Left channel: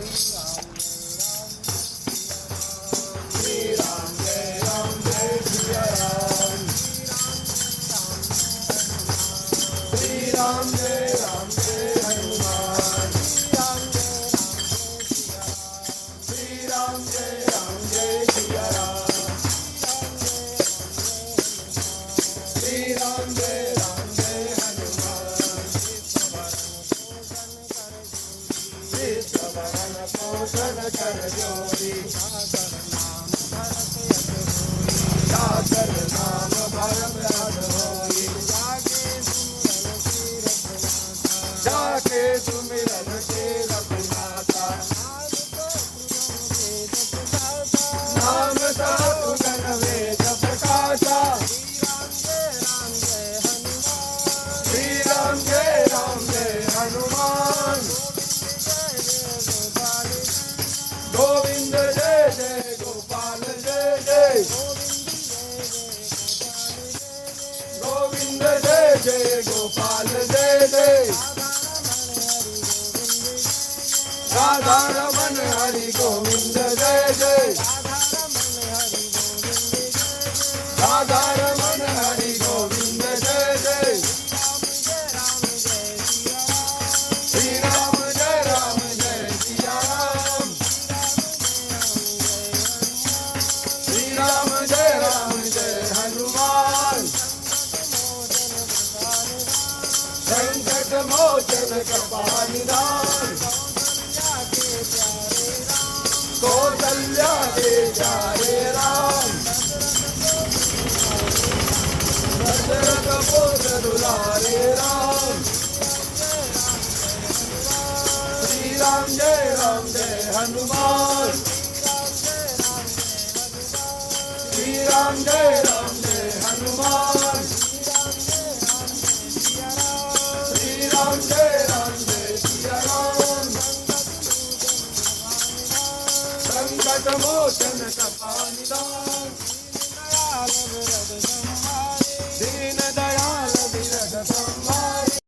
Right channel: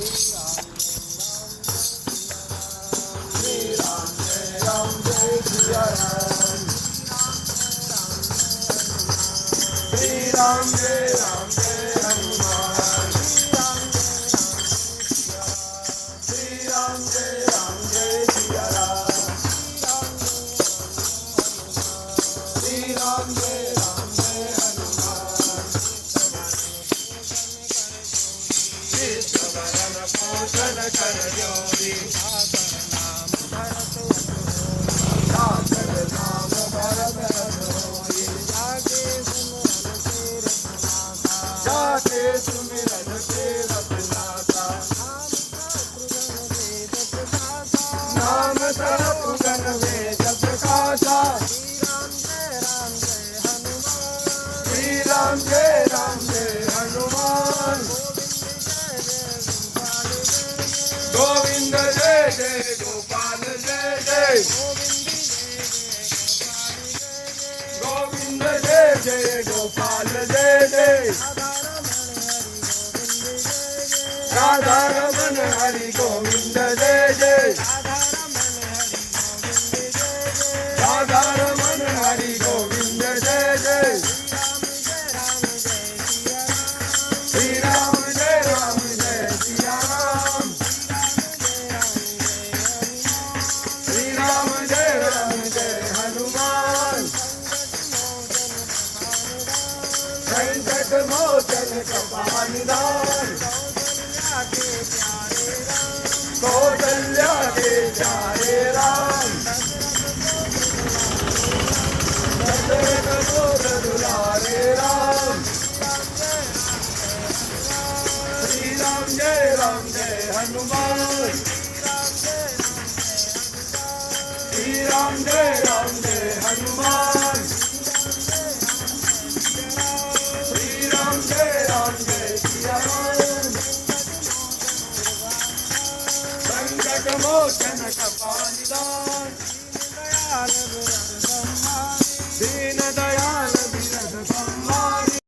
श्री राम जय सिया राम, श्री राम जय हनुमान, श्री राम जय सिया राम, श्री राम जय हनुमान, विश्ववरण पोषण कर जोरी, सागर नाम भरत हरि, जाके सुमिरन के रतनाता, नाम सतगुण वेद प्रकाशा, श्री राम जय हनुमान, गोविंद जय जय गोपाल जय जय, गोविंद जय जय गोपाल जय जय, राधा रमन हरि गोविंद जय जय, राधा रमन हरि गोविंद जय जय, श्री राम जय सिया राम, श्री राम जय हनुमान, संकट मोचन कृपा निधान, कौशल्या के प्यारे राम, दशरथ बोध दुलारे राम, श्री राम जय हनुमान, श्री राम जय हनुमान, श्री राम जय सिया राम, संकट मोचन कृपा निधान,